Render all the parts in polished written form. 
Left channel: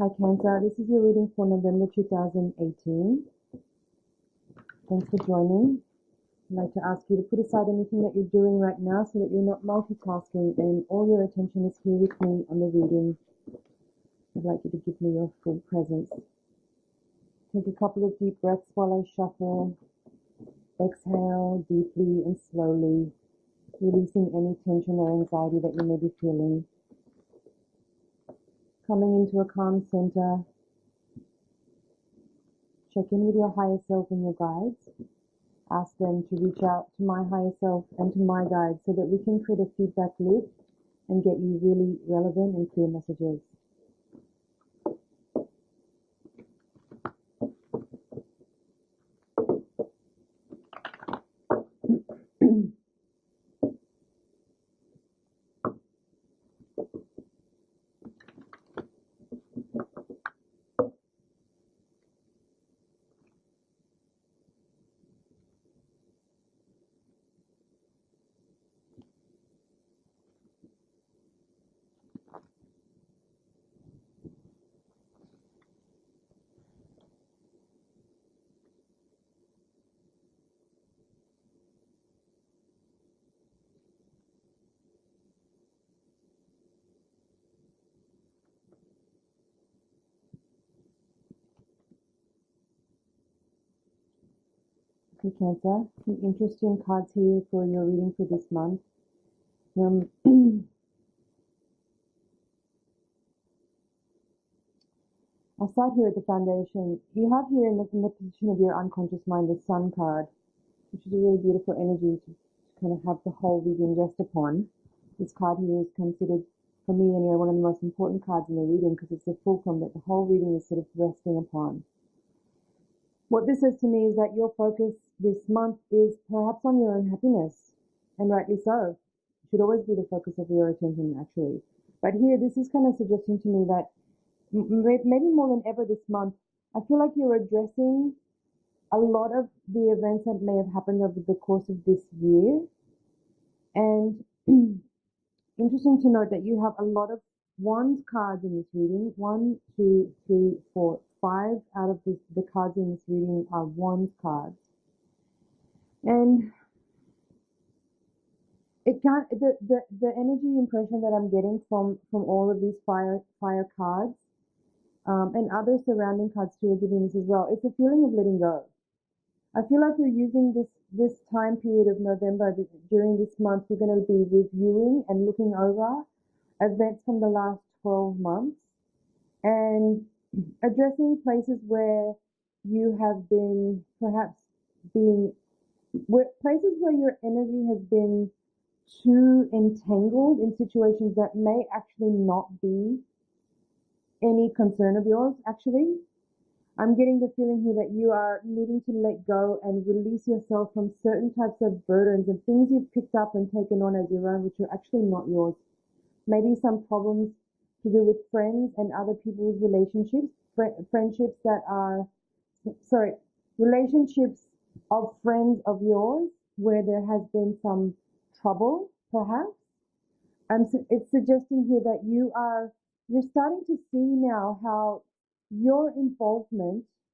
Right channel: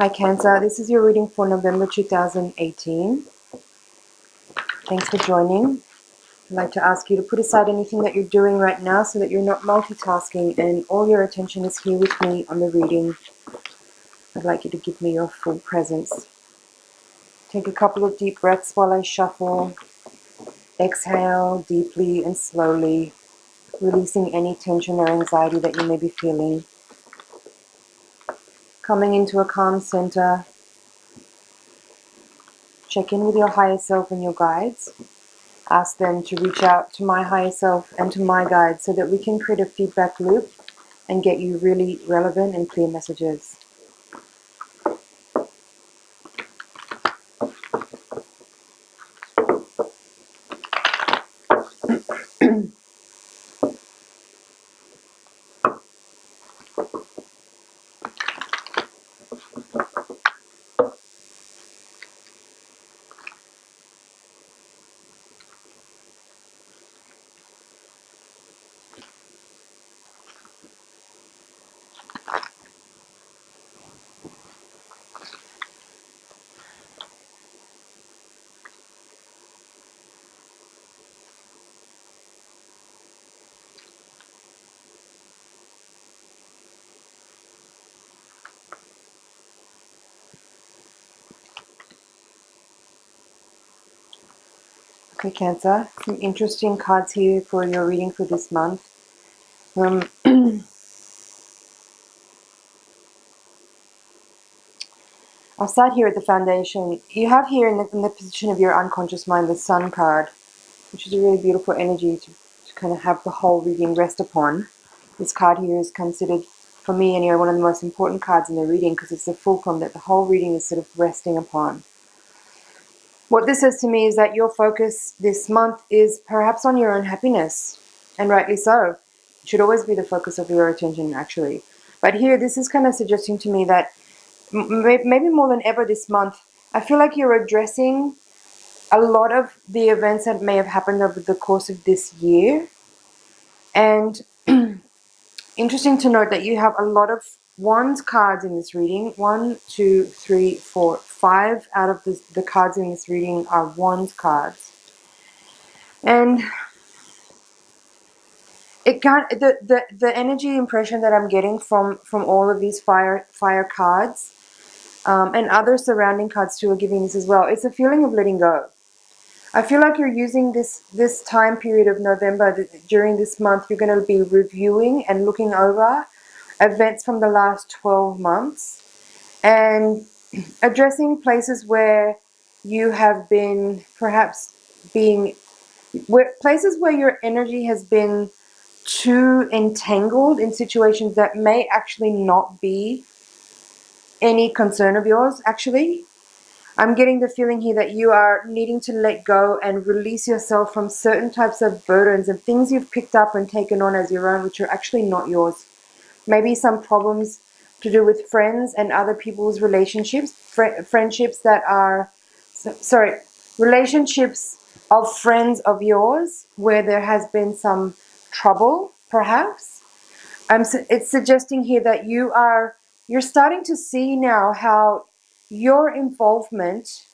Hi Cancer, this is your reading for November 2018. Thanks for joining. I'd like to ask you to put aside anything that you're doing right now so that you're not multitasking and all your attention is here with me on the reading. I'd like you to give me your full presence. Take a couple of deep breaths while I shuffle. Exhale deeply and slowly, releasing any tension or anxiety that you may be feeling. Coming into a calm center. Check in with your higher self and your guides. Ask them to reach out to my higher self and to my guides so that we can create a feedback loop and get you really relevant and clear messages. Okay, Cancer, some interesting cards here for your reading for this month. I'll start here at the foundation. You have here in the position of your unconscious mind the Sun card, which is a really beautiful energy to kind of have the whole reading rest upon. This card here is considered, for me anyway, one of the most important cards in the reading because it's the fulcrum that the whole reading is sort of resting upon. What this says to me is that your focus this month is perhaps on your own happiness, and rightly so. It should always be the focus of your attention, actually. But here, this is kind of suggesting to me that maybe more than ever this month, I feel like you're addressing a lot of the events that may have happened over the course of this year. And interesting to note that you have a lot of wands cards in this reading. 1, 2, 3, 4, 5 out of the cards in this reading are wands cards. And it can't, the energy impression that I'm getting from all of these fire cards and other surrounding cards too are giving this as well. It's a feeling of letting go. I feel like you're using this time period of November, during this month, you're going to be reviewing and looking over events from the last 12 months and addressing places where you have been perhaps places where your energy has been too entangled in situations that may actually not be any concern of yours, actually. I'm getting the feeling here that you are needing to let go and release yourself from certain types of burdens and things you've picked up and taken on as your own, which are actually not yours. Maybe some problems to do with friends and other people's relationships, friendships that are, relationships of friends of yours where there has been some trouble, perhaps. It's suggesting here that you're starting to see now how your involvement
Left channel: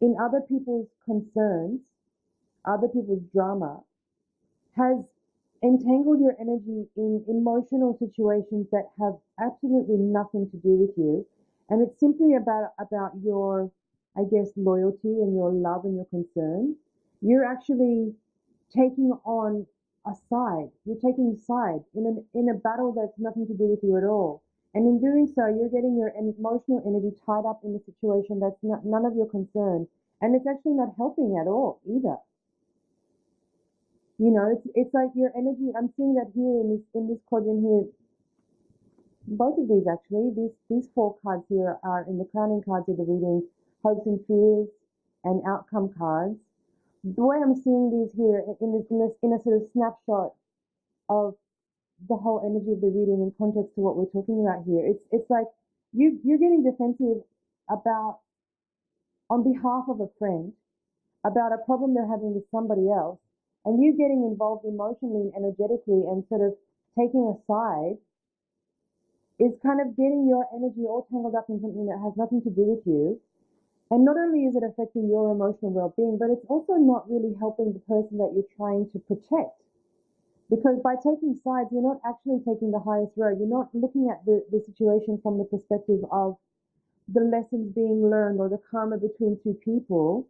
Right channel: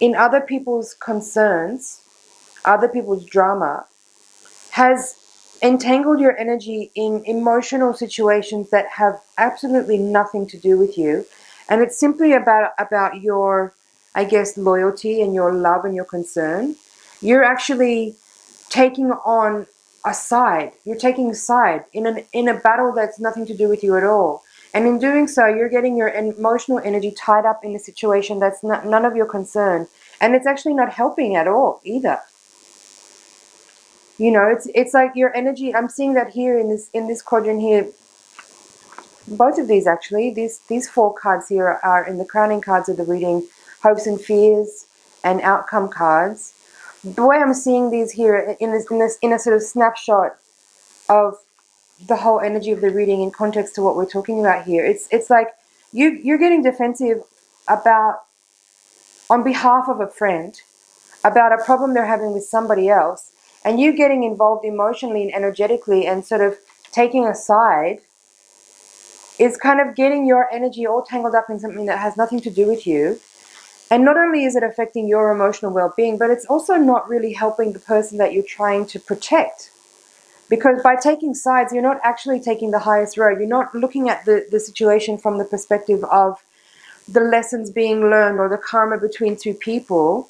in other people's concerns, other people's drama, has entangled your energy in emotional situations that have absolutely nothing to do with you. And it's simply about your, I guess, loyalty and your love and your concern. You're actually taking on a side. You're taking a side in a battle that's nothing to do with you at all. And in doing so, you're getting your emotional energy tied up in a situation that's none of your concern. And it's actually not helping at all either. You know, it's like your energy, I'm seeing that here in this quadrant here. Both of these actually, these 4 cards here are in the crowning cards of the reading, hopes and fears and outcome cards. The way I'm seeing these here in a sort of snapshot of the whole energy of the reading in context to what we're talking about here, it's like you're getting defensive about, on behalf of a friend, about a problem they're having with somebody else, and you getting involved emotionally and energetically and sort of taking a side is kind of getting your energy all tangled up in something that has nothing to do with you. And not only is it affecting your emotional well-being, but it's also not really helping the person that you're trying to protect. Because by taking sides, you're not actually taking the highest road. You're not looking at the situation from the perspective of the lessons being learned or the karma between two people.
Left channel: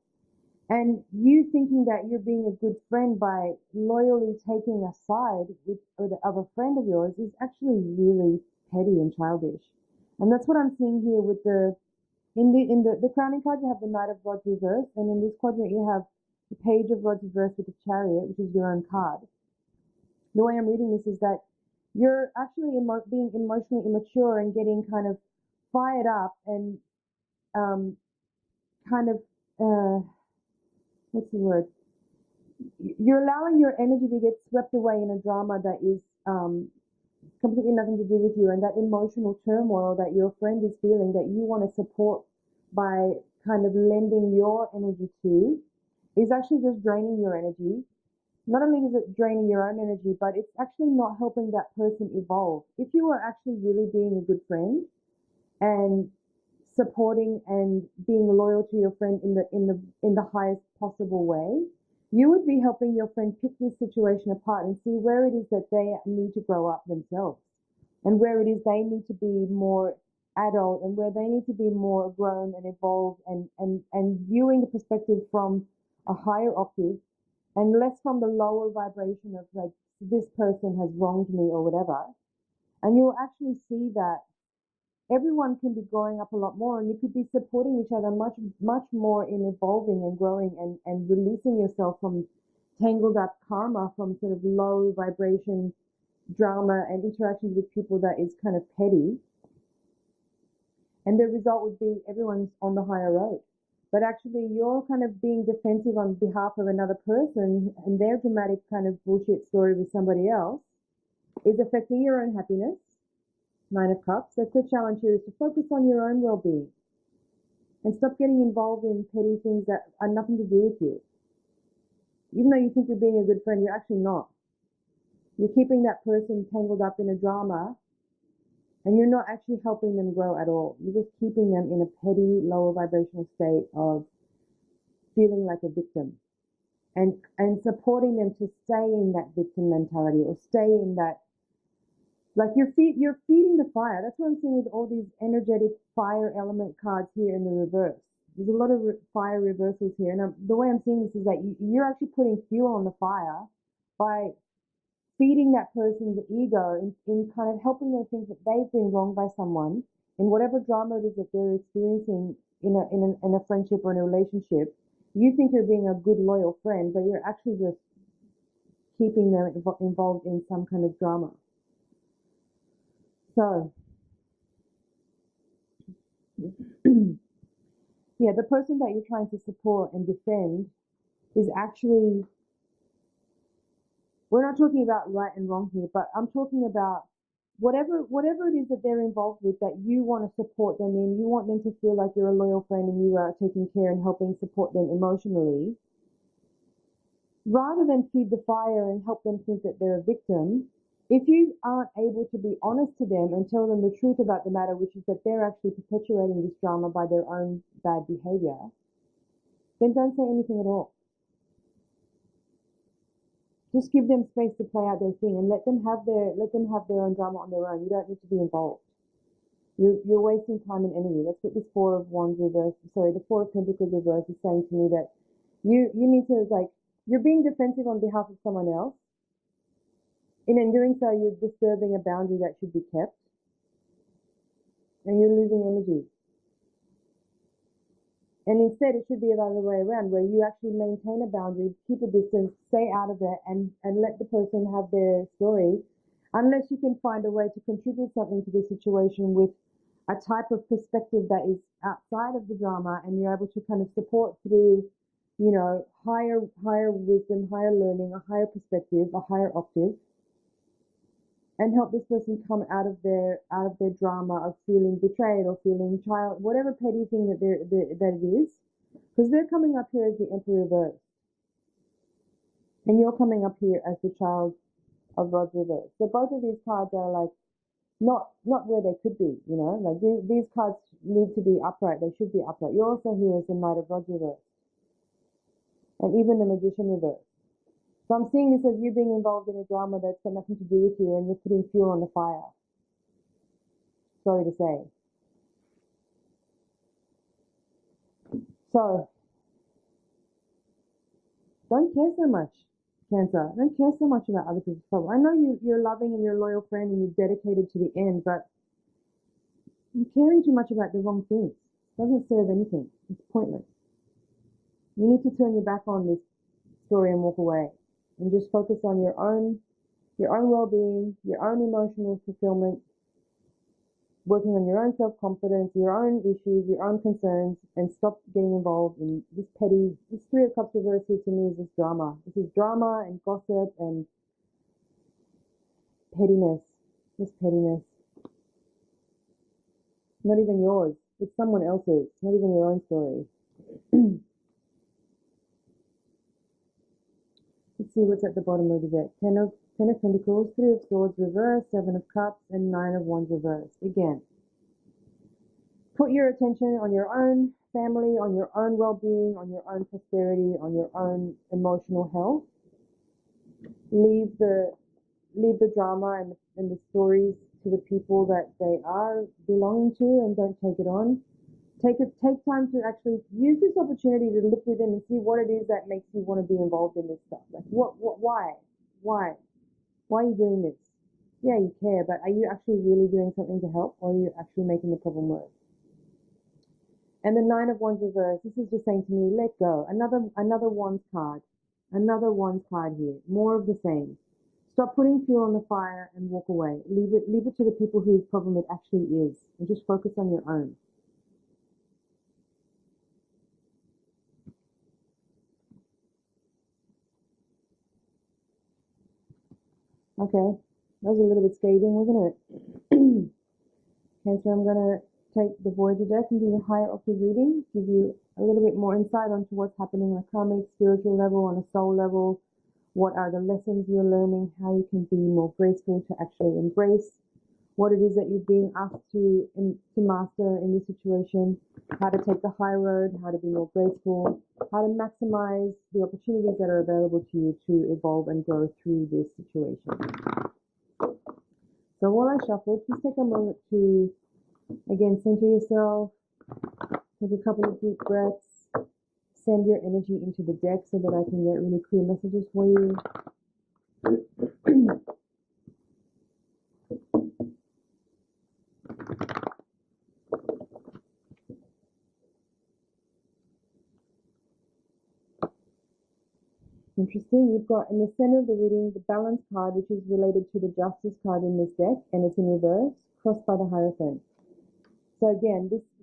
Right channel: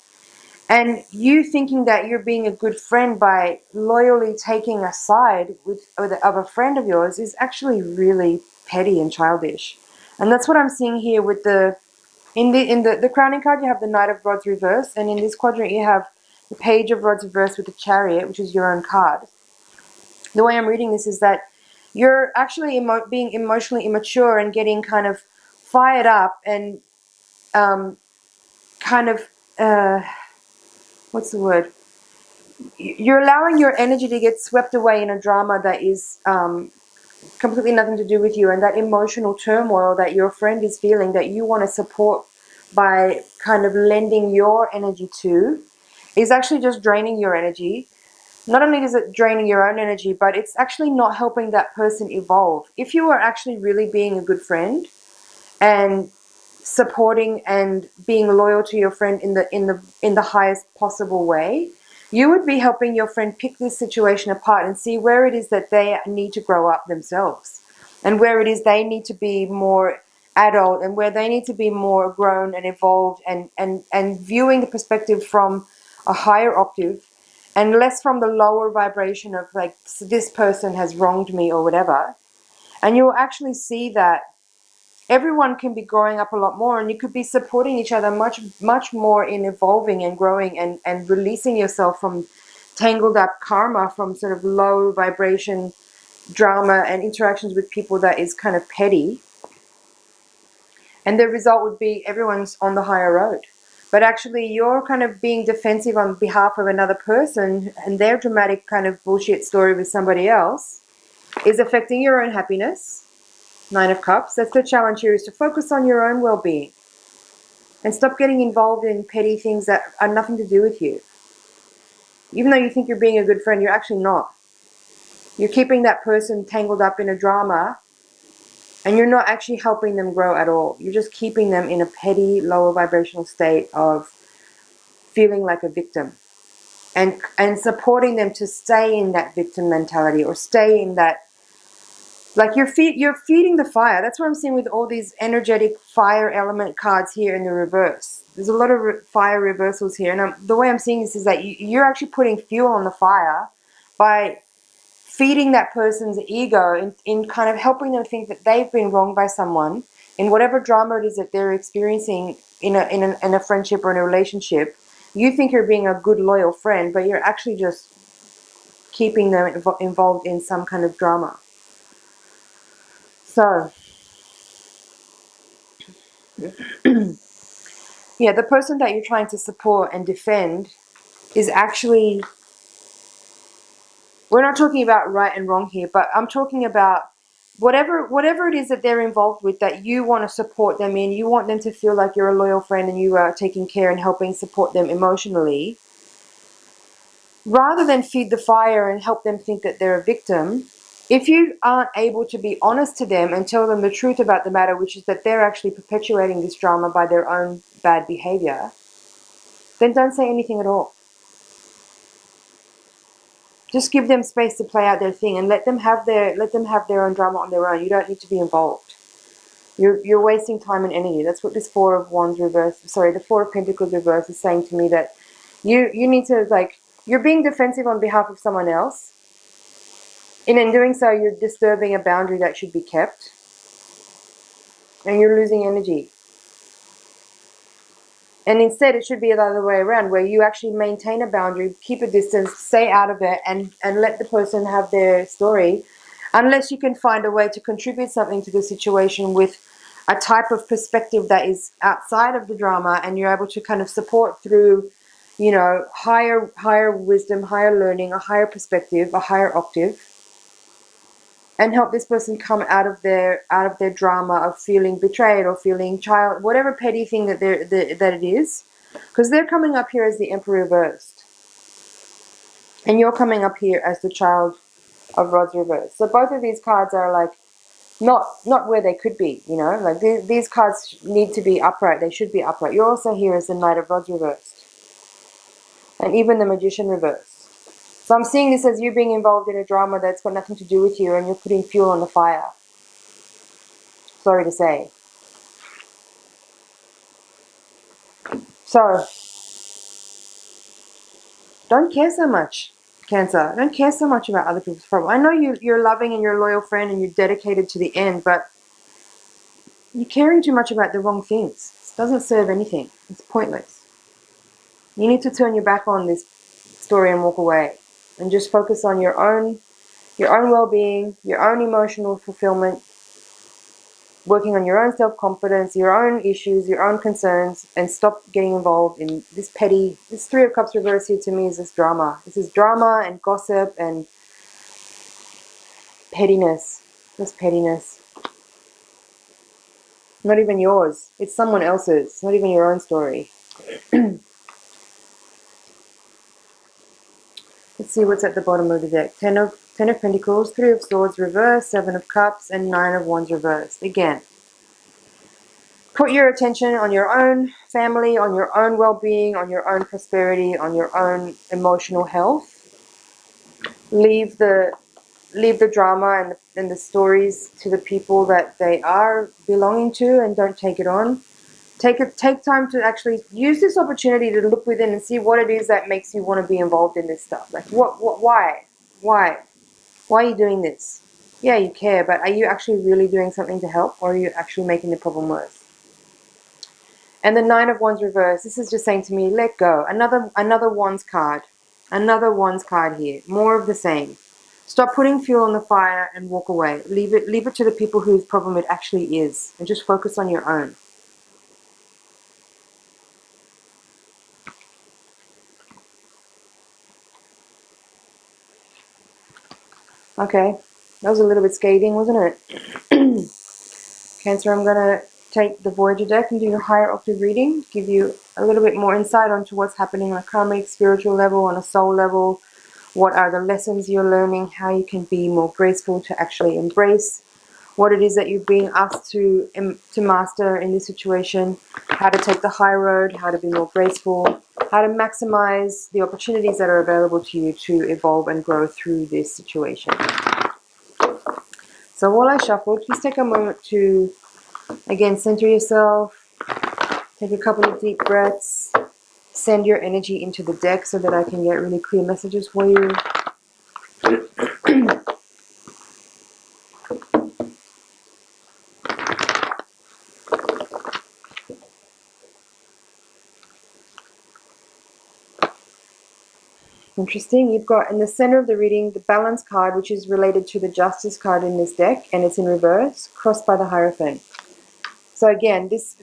And you thinking that you're being a good friend by loyally taking a side of a friend of yours is actually really petty and childish. And that's what I'm seeing here with the crowning card. You have the Knight of Rods reverse, and in this quadrant you have the Page of Rods reverse with the Chariot, which is your own card. The way I'm reading this is that you're actually being emotionally immature and getting kind of fired up and kind of what's the word? You're allowing your energy to get swept away in a drama that is completely nothing to do with you, and that emotional turmoil that your friend is feeling that you want to support by kind of lending your energy to is actually just draining your energy. Not only is it draining your own energy, but it's actually not helping that person evolve. If you are actually really being a good friend and supporting and being loyal to your friend in the highest possible way, you would be helping your friend pick this situation apart and see where it is that they need to grow up themselves, and where it is they need to be more adult, and where they need to be more grown and evolved, and viewing the perspective from a higher octave and less from the lower vibration of like, this person has wronged me or whatever. And you'll actually see that everyone can be growing up a lot more, and you could be supporting each other much more in evolving and growing and releasing yourself from tangled up karma, from sort of low vibration drama and interactions with people that is kind of petty. And the result would be everyone's on the higher road. But actually you're kind of being defensive on behalf of another person, and their dramatic kind of bullshit story with somebody else is affecting your own happiness. Nine of Cups. That's the challenge here, is to focus on your own well-being and stop getting involved in petty things that are nothing to do with you. Even though you think you're being a good friend, you're actually not. You're keeping that person tangled up in a drama, and you're not actually helping them grow at all. You're just keeping them in a petty, lower vibrational state of feeling like a victim, and supporting them to stay in that victim mentality, or stay in that, like you're feeding the fire. That's what I'm seeing with all these energetic fire element cards here in the reverse. There's a lot of fire reversals here. And the way I'm seeing this is that you're actually putting fuel on the fire by feeding that person's ego in kind of helping them think that they've been wronged by someone in whatever drama it is that they're experiencing in a friendship or in a relationship. You think you're being a good, loyal friend, but you're actually just keeping them involved in some kind of drama. So, yeah, the person that you're trying to support and defend is actually, we're not talking about right and wrong here, but I'm talking about whatever it is that they're involved with, that you want to support them in. You want them to feel like you're a loyal friend and you are taking care and helping support them emotionally. Rather than feed the fire and help them think that they're a victim, if you aren't able to be honest to them and tell them the truth about the matter, which is that they're actually perpetuating this drama by their own bad behavior, then don't say anything at all. Just give them space to play out their thing and let them have their own drama on their own. You don't need to be involved. You're wasting time and energy. That's what this Four of Wands reverse, the Four of Pentacles reverse is saying to me, that you need to, like, you're being defensive on behalf of someone else. And in doing so, you're disturbing a boundary that should be kept. And you're losing energy. And instead, it should be the other way around, where you actually maintain a boundary, keep a distance, stay out of it, and let the person have their story, unless you can find a way to contribute something to the situation with a type of perspective that is outside of the drama, and you're able to kind of support through, you know, higher wisdom, higher learning, a higher perspective, a higher octave, and help this person come out of their drama of feeling betrayed or feeling whatever petty thing that it is, because they're coming up here as the Emperor reversed, and you're coming up here as the Child of Rods reversed. So both of these cards are like not where they could be, you know, like these cards need to be upright. They should be upright. You're also here as the Knight of Rods reversed, and even the Magician reversed. So I'm seeing this as you being involved in a drama that's got nothing to do with you, and you're putting fuel on the fire. Sorry to say. So don't care so much, Cancer. Don't care so much about other people's problems. I know you're loving and you're a loyal friend and you're dedicated to the end, but you're caring too much about the wrong things. It doesn't serve anything. It's pointless. You need to turn your back on this story and walk away, and just focus on your own well-being, your own emotional fulfillment, working on your own self-confidence, your own issues, your own concerns, and stop getting involved in this petty. This Three of Cups reverse here to me is this drama. This is drama and gossip and pettiness. Just pettiness. Not even yours. It's someone else's. It's not even your own story. Let's see what's at the bottom of the deck. Ten of Pentacles, Three of Swords reversed, Seven of Cups, and Nine of Wands reversed. Again, put your attention on your own family, on your own well-being, on your own prosperity, on your own emotional health. Leave the drama and the stories to the people that they are belonging to, and don't take it on. Take time to actually use this opportunity to look within and see what it is that makes you want to be involved in this stuff. Like, why are you doing this? Yeah, you care, but are you actually really doing something to help, or are you actually making the problem worse? And the Nine of Wands reverse, this is just saying to me, let go. Another Wands card. Another Wands card here. More of the same. Stop putting fuel on the fire and walk away. Leave it to the people whose problem it actually is, and just focus on your own. Okay, that was a little bit scathing, wasn't it? Cancer, I'm going to take the Voyager deck and do your higher octave reading, give you a little bit more insight onto what's happening on a karmic, spiritual level, on a soul level, what are the lessons you're learning, how you can be more graceful to actually embrace what it is that you're being asked to master in this situation, how to take the high road, how to be more graceful, how to maximize the opportunities that are available to you to evolve and grow through this situation. So while I shuffle, please take a moment to, again, center yourself, take a couple of deep breaths, send your energy into the deck so that I can get really clear messages for you. Interesting. You've got in the center of the reading the Balance card, which is related to the Justice card in this deck, and it's in reverse, crossed by the Hierophant. So again, it's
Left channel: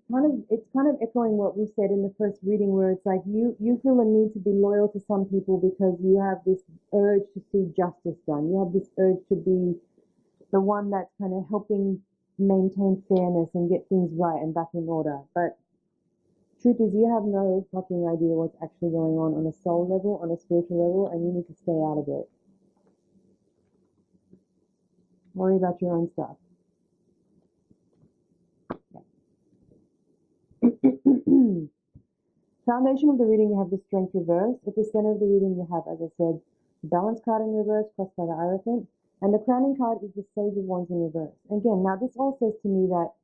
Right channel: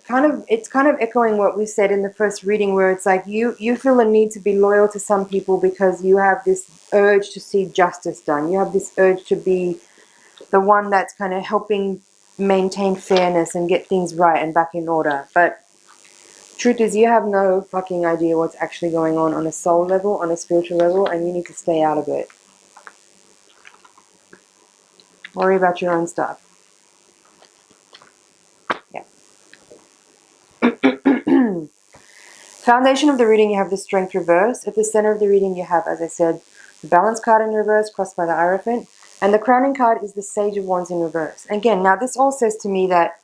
kind of echoing what we said in the first reading, where it's like you feel a need to be loyal to some people because you have this urge to see justice done. You have this urge to be the one that's kind of helping maintain fairness and get things right and back in order. But truth is, you have no fucking idea what's actually going on a soul level, on a spiritual level, and you need to stay out of it. Worry about your own stuff. Yeah. Foundation of the reading, you have the Strength reverse. At the center of the reading, you have, as I said, the Balance card in reverse, crossed by the Hierophant. And the crowning card is the Sage of Wands in reverse. Again, now this all says to me that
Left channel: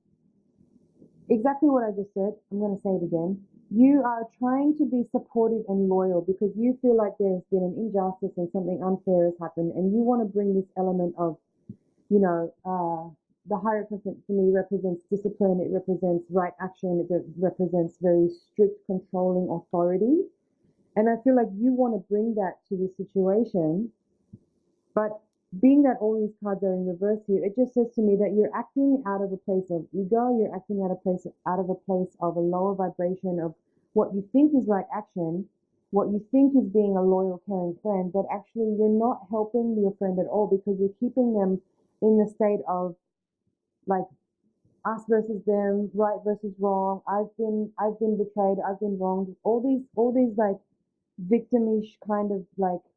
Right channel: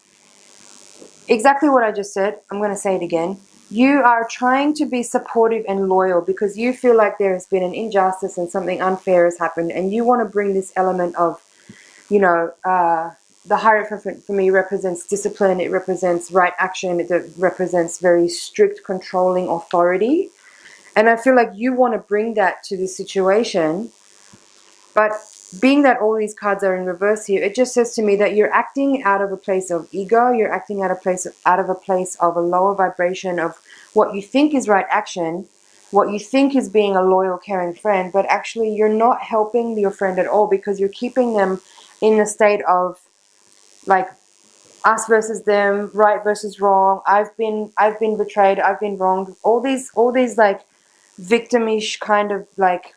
exactly what I just said, I'm going to say it again. You are trying to be supportive and loyal because you feel like there has been an injustice and something unfair has happened, and you want to bring this element of, you know, the Hierophant for me represents discipline, it represents right action, it represents very strict controlling authority. And I feel like you want to bring that to this situation, but being that all these cards are in reverse here, it just says to me that you're acting out of a place of ego, you're acting out of a place of a lower vibration of what you think is right action, what you think is being a loyal, caring friend, but actually you're not helping your friend at all because you're keeping them in a state of like us versus them, right versus wrong, I've been betrayed, I've been wronged, all these like victimish kind of like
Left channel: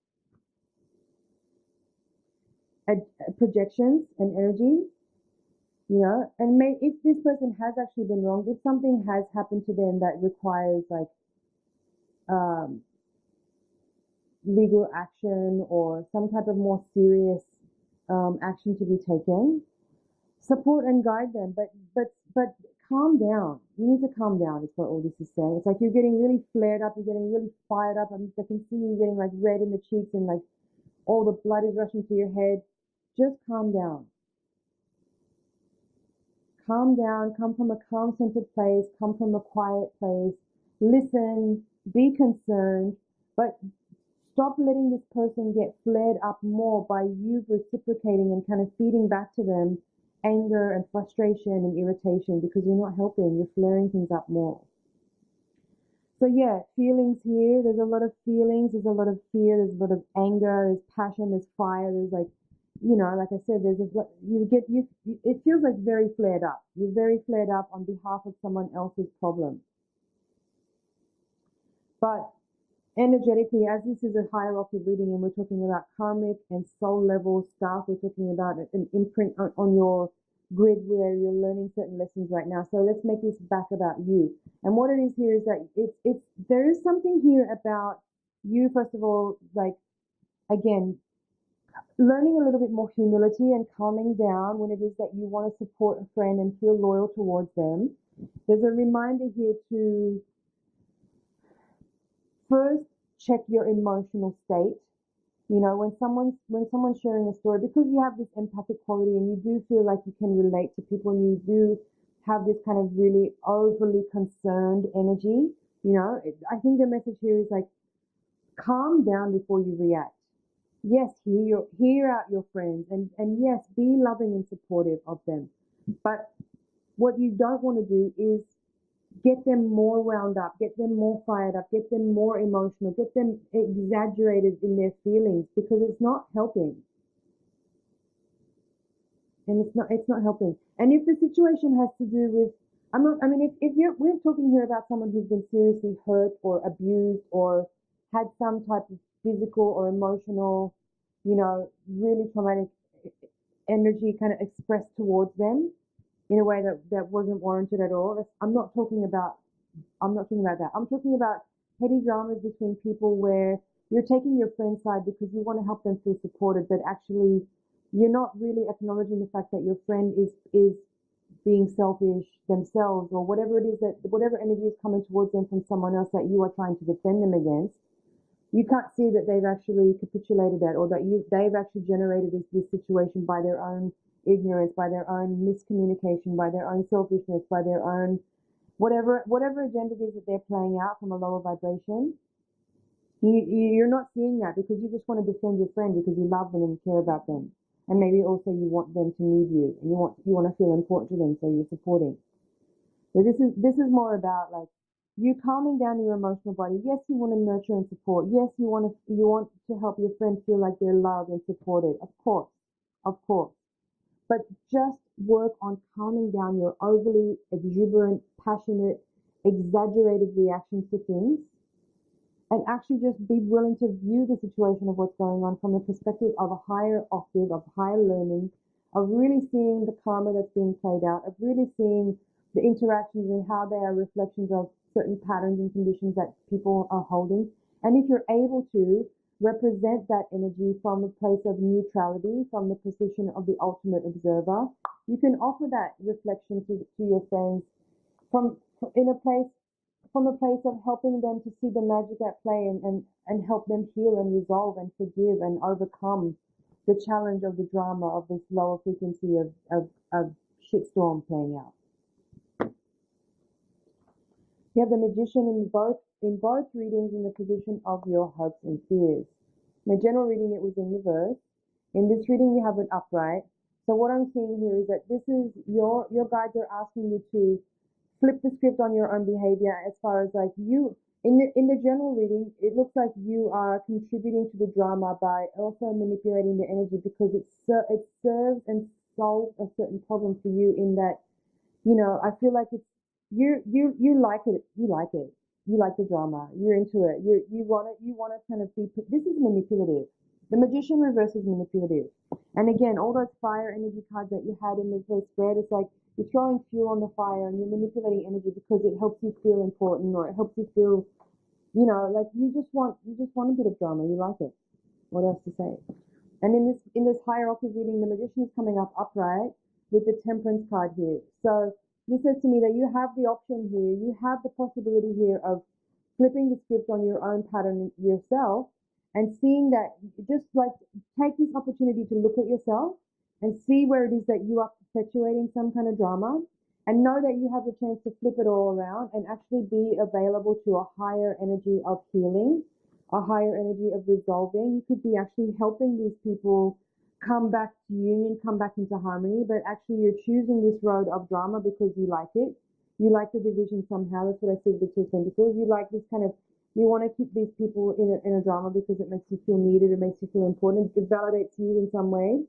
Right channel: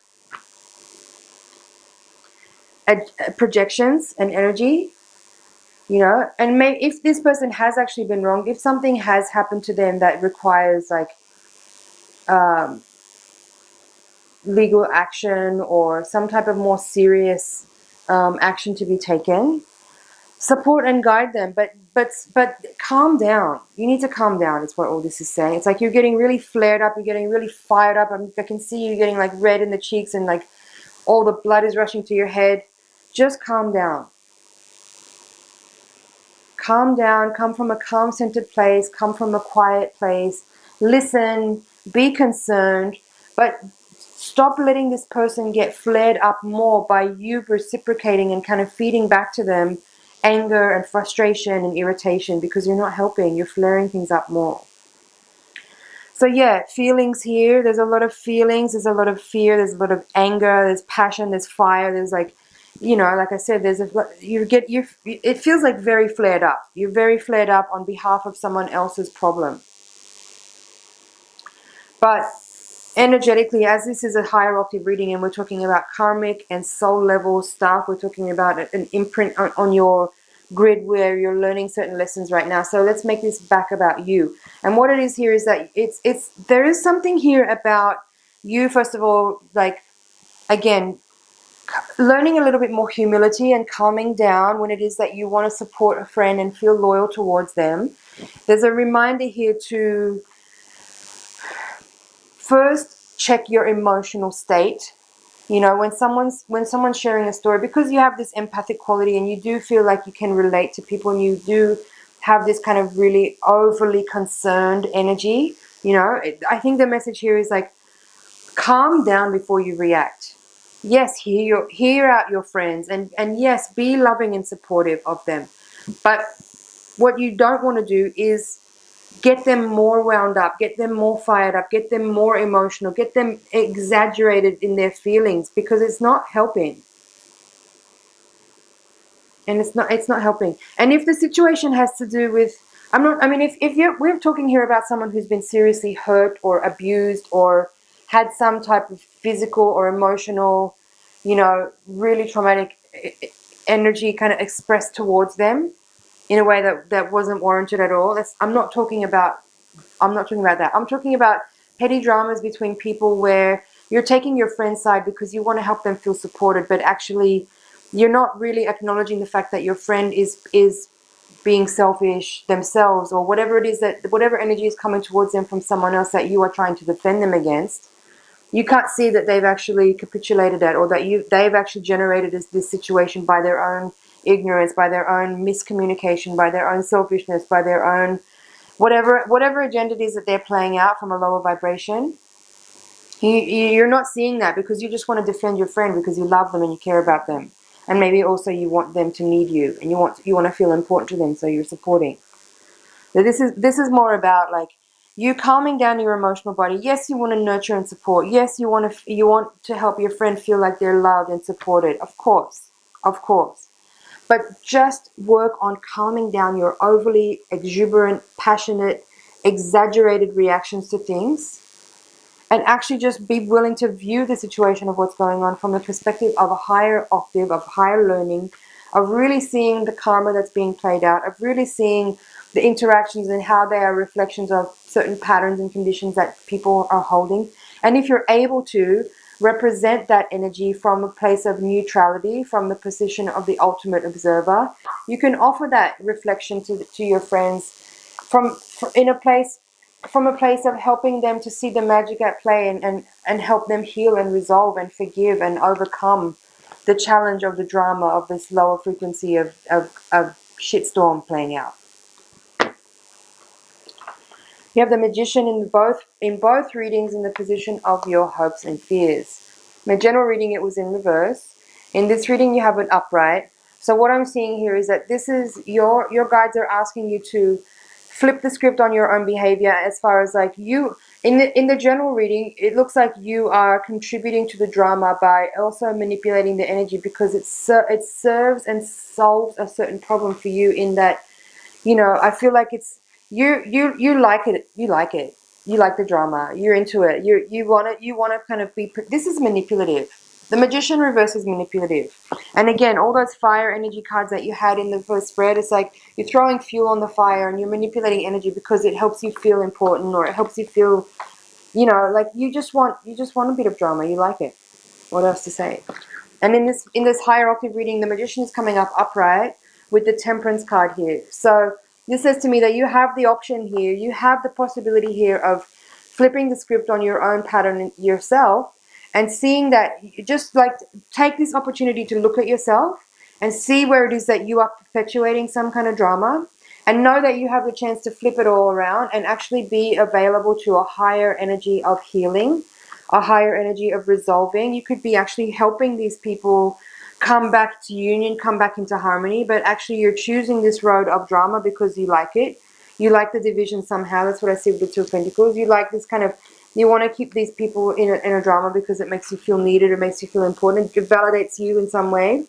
projections and energy. you know. And if this person has actually been wronged, if something has happened to them that requires like legal action or some type of more serious action to be taken, support and guide them, but calm down. You need to calm down, is what all this is saying. It's like you're getting really flared up, you're getting really fired up. I can see you getting like red in the cheeks and like all the blood is rushing to your head. Just calm down. Calm down, come from a calm centered place, come from a quiet place, listen, be concerned, but stop letting this person get flared up more by you reciprocating and kind of feeding back to them anger and frustration and irritation, because you're not helping, you're flaring things up more. So yeah, feelings here, there's a lot of feelings, there's a lot of fear, there's a lot of anger, there's passion, there's fire, there's like, you know, like I said, it feels like very flared up. You're very flared up on behalf of someone else's problem. But energetically, as this is a higher octave reading and we're talking about karmic and soul level stuff, we're talking about an imprint on your grid where you're learning certain lessons right now. So let's make this back about you. And what it is here is that there is something here about you, first of all, like, again, learning a little bit more humility and calming down when it is that you want to support a friend and feel loyal towards them. There's a reminder here to first check your emotional state. You know, when someone's sharing a story, because you have this empathic quality and you do feel like you can relate to people and you do have this kind of really overly concerned energy, you know, I think the message here is like, calm down before you react. Yes, hear out your friends, and yes, be loving and supportive of them. But what you don't want to do is get them more wound up, get them more fired up, get them more emotional, get them exaggerated in their feelings, because it's not helping. And it's not helping. And if the situation has to do with, we're talking here about someone who's been seriously hurt or abused or had some type of physical or emotional, you know, really traumatic energy kind of expressed towards them in a way that wasn't warranted at all. I'm not talking about that. I'm talking about petty dramas between people where you're taking your friend's side because you want to help them feel supported, but actually you're not really acknowledging the fact that your friend is being selfish themselves, or whatever it is, that whatever energy is coming towards them from someone else that you are trying to defend them against. You can't see that they've actually capitulated that, or that they've actually generated this situation by their own ignorance, by their own miscommunication, by their own selfishness, by their own whatever agenda it is that they're playing out from a lower vibration. You're not seeing that because you just want to defend your friend because you love them and you care about them, and maybe also you want them to need you and you want to feel important to them, so you're supporting. So this is more about like you calming down your emotional body. Yes, you want to nurture and support. Yes, you want to help your friend feel like they're loved and supported. Of course. But just work on calming down your overly exuberant, passionate, exaggerated reactions to things, and actually just be willing to view the situation of what's going on from the perspective of a higher octave, of higher learning, of really seeing the karma that's being played out, of really seeing the interactions and how they are reflections of certain patterns and conditions that people are holding. And if you're able to represent that energy from a place of neutrality, from the position of the ultimate observer, you can offer that reflection to your friends from a place of helping them to see the magic at play, and help them heal and resolve and forgive and overcome the challenge of the drama of this lower frequency of shitstorm playing out. You have the Magician in both readings in the position of your hopes and fears. In my general reading, it was in reverse. In this reading, you have it upright. So what I'm seeing here is that this is your guides are asking you to flip the script on your own behavior, as far as like you in the general reading, it looks like you are contributing to the drama by also manipulating the energy, because it serves and solves a certain problem for you, in that, you know, I feel like it's you like it. You like the drama. You're into it. You want to kind of be. This is manipulative. The Magician reverse is manipulative. And again, all those fire energy cards that you had in the first spread, it's like you're throwing fuel on the fire and you're manipulating energy because it helps you feel important, or it helps you feel, you know, like you just want a bit of drama. You like it. What else to say? And in this higher octave reading, the Magician is coming up upright with the Temperance card here. So this says to me that you have the option here, you have the possibility here of flipping the script on your own pattern yourself, and seeing that, just like take this opportunity to look at yourself and see where it is that you are perpetuating some kind of drama, and know that you have the chance to flip it all around and actually be available to a higher energy of healing, a higher energy of resolving. You could be actually helping these people come back to union, come back into harmony, but actually you're choosing this road of drama because you like it. You like the division somehow. That's what I see with the Two of Pentacles. You like this kind of, you want to keep these people in a drama because it makes you feel needed, it makes you feel important, it validates you in some way.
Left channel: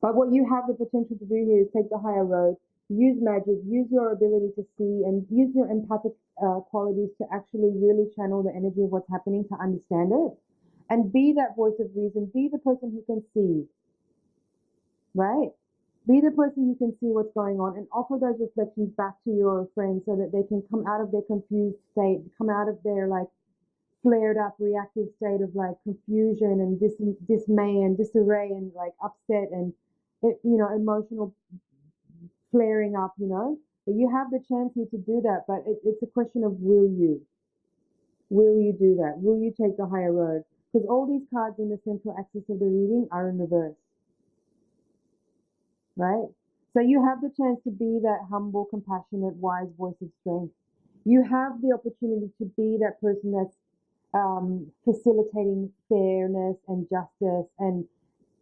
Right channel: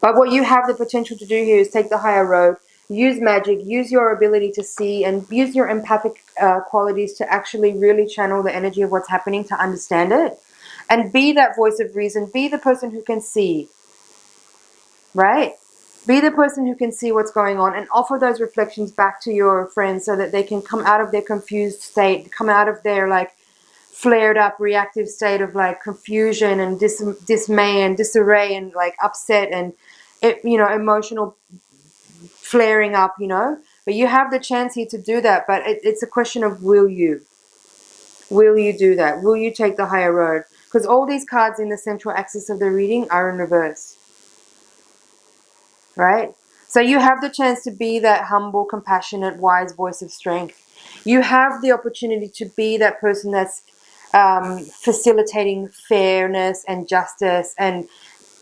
But what you have the potential to do here is take the higher road, use magic, use your ability to see, and use your empathic qualities to actually really channel the energy of what's happening, to understand it, and be that voice of reason, be the person who can see, right? Be the person who can see what's going on and offer those reflections back to your friends so that they can come out of their confused state, come out of their like flared up reactive state of like confusion and dismay and disarray and like upset and, you know, emotional flaring up, you know. But you have the chance here to do that, but it's a question of will you do that? Will you take the higher road? Because all these cards in the central axis of the reading are in reverse, right? So you have the chance to be that humble, compassionate, wise voice of strength. You have the opportunity to be that person that's facilitating fairness and justice and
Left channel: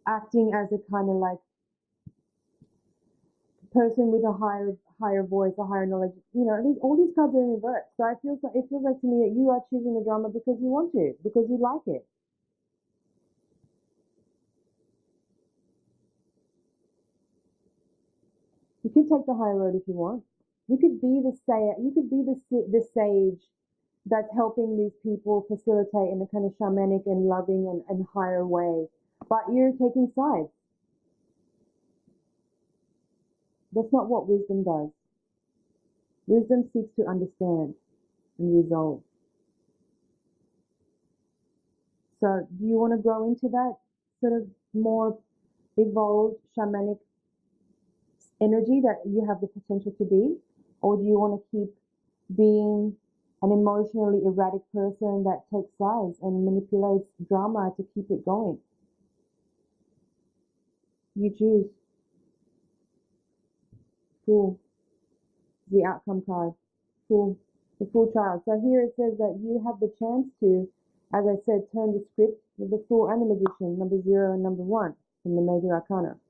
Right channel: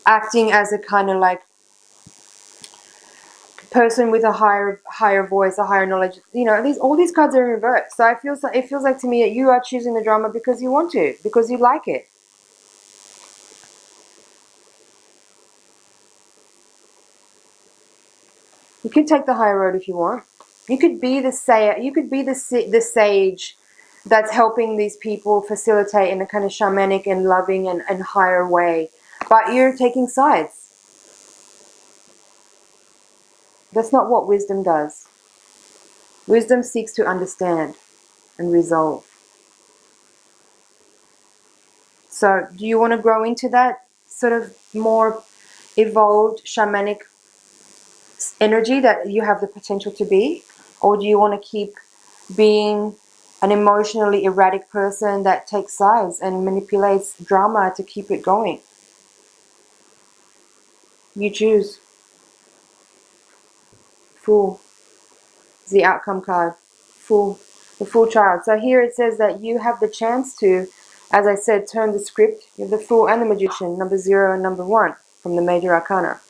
acting as a kind of like person with a higher voice, a higher knowledge. You know, all these cards are in reverse. So it feels like to me that you are choosing the drama because you want to, because you like it. You could take the higher road if you want. You could be the sage that's helping these people facilitate in a kind of shamanic and loving and higher way. But you're taking sides. That's not what wisdom does. Wisdom seeks to understand and resolve. So do you want to grow into that sort of more evolved shamanic energy that you have the potential to be? Or do you want to keep being an emotionally erratic person that takes sides and manipulates drama to keep it going? You choose. Fool is the outcome card. Fool. The Fool child. So here it says that you have the chance to, as I said, turn the script. You have the Fool and the Magician, number 0 and number 1 from the Major Arcana.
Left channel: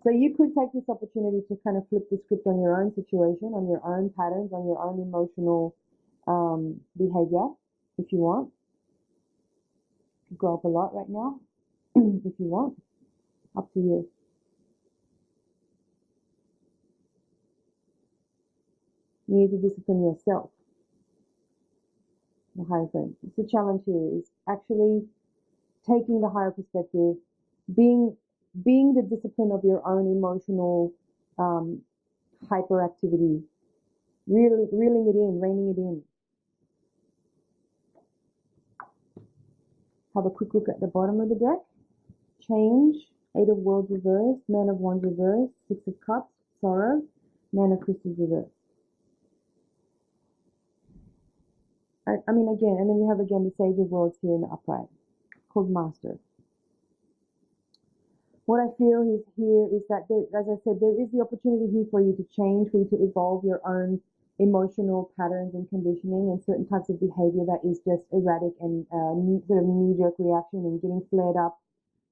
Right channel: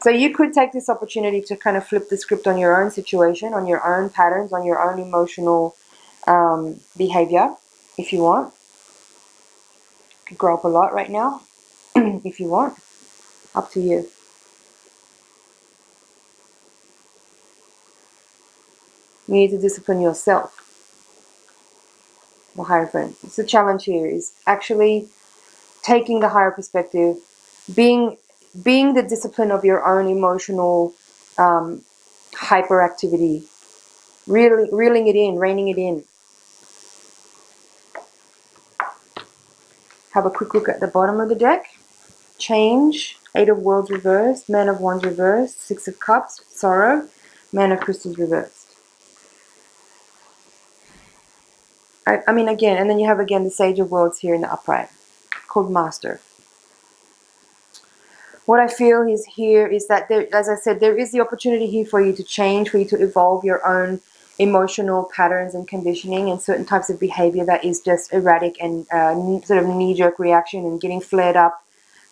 So you could take this opportunity to kind of flip the script on your own situation, on your own patterns, on your own emotional behavior, if you want. You could grow up a lot right now, if you want. Up to you. You need to discipline yourself. The Hierophant. It's the challenge here is actually taking the higher perspective, being the discipline of your own emotional hyperactivity, really reeling it in, reining it in. Have a quick look at the bottom of the deck. Change, 8 of Worlds reversed, Man of Wands reversed, 6 of Cups, Sorrow, Man of Crystals reversed. I mean, again, and then you have again the Sage of Worlds here in the upright, called Master. What I feel is here is that there, as I said, there is the opportunity here for you to change, for you to evolve your own emotional patterns and conditioning and certain types of behavior that is just erratic and sort of knee-jerk reaction and getting flared up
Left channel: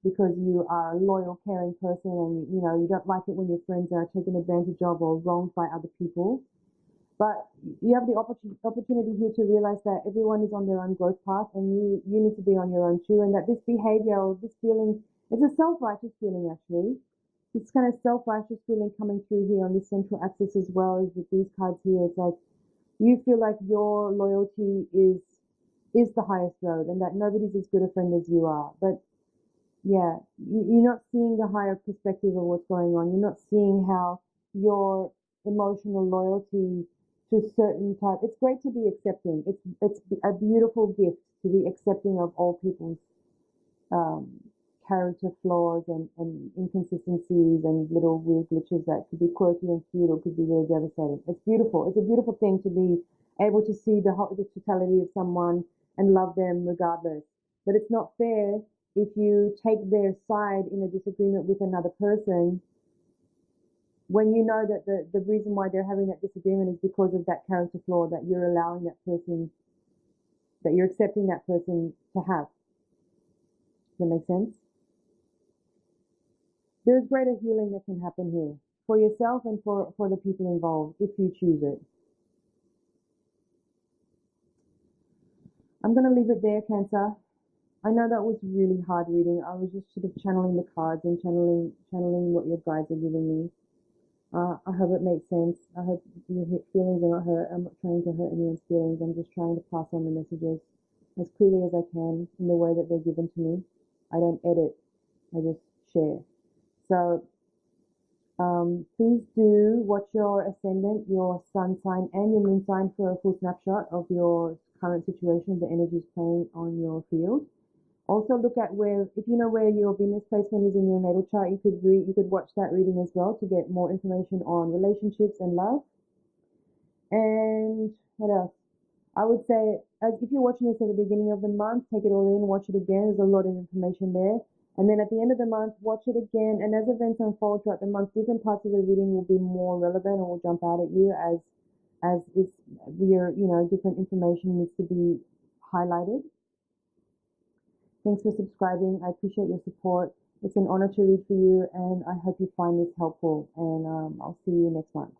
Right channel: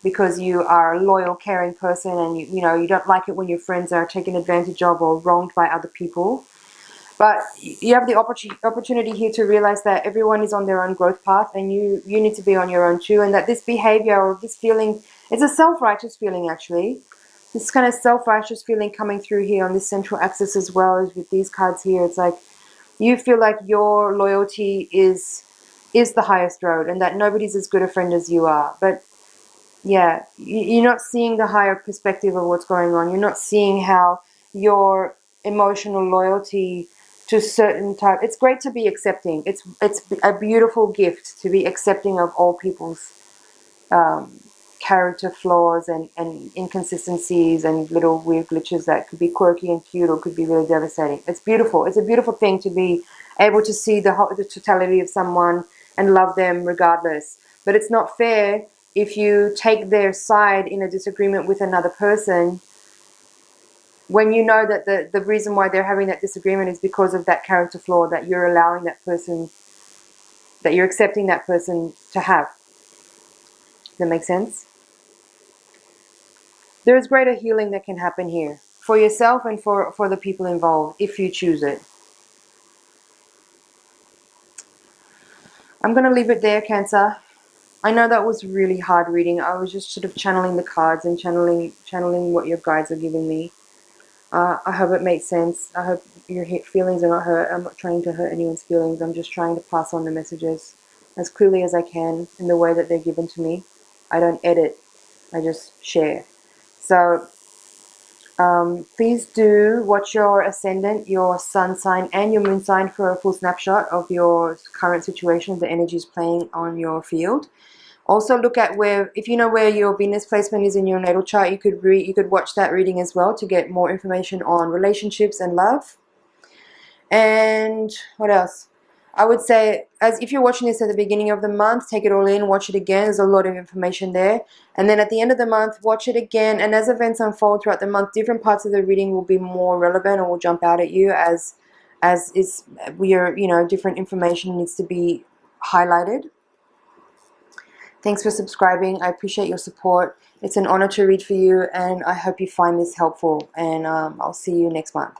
because you are a loyal, caring person and you know you don't like it when your friends are taken advantage of or wronged by other people. But you have the opportunity here to realize that everyone is on their own growth path and you need to be on your own too, and that this behavior or this feeling, it's a self-righteous feeling actually. This kind of self-righteous feeling coming through here on this central axis as well as with these cards here. It's like you feel like your loyalty is is the highest road, and that nobody's as good a friend as you are. But yeah, you're not seeing the higher perspective of what's going on. You're not seeing how your emotional loyalty to certain type. It's great to be accepting. It's a beautiful gift to be accepting of all people's character flaws and inconsistencies and little weird glitches that could be quirky and cute or could be really devastating. It's beautiful. It's a beautiful thing to be able to see the totality of someone and love them regardless. But it's not fair if you take their side in a disagreement with another person when you know that the reason why they're having that disagreement is because of that character flaw that you're allowing that person, that you're accepting that person to have. Does that make sense? There is greater healing that can happen here for yourself and for the people involved if you choose it. I'm going to leave it there, Cancer. I know that was really hard reading. I was just sort of channeling the cards and channeling what your guides are giving me. I hope it makes sense. I hope your feelings are not hurt. I'm not trying to hurt anyone's feelings. I'm just trying to pass on the messages as clearly as I can in the way that they're given to me. I don't edit. I just share. So please do watch your ascendant, your sun sign, and your moon sign for a full snapshot of your current situation, the energies playing on your field. Also look at where, if you know where your Venus placement is in your natal chart, you could watch that reading as well to get more information on relationships and love. And what else? I would say, as if you're watching this at the beginning of the month, take it all in, watch it again. There's a lot of information there. And then at the end of the month, watch it again. And as events unfold throughout the month, different parts of the reading will be more relevant or will jump out at you as different information needs to be highlighted. Thanks for subscribing. I appreciate your support. It's an honor to read for you, and I hope you find this helpful. And I'll see you next month.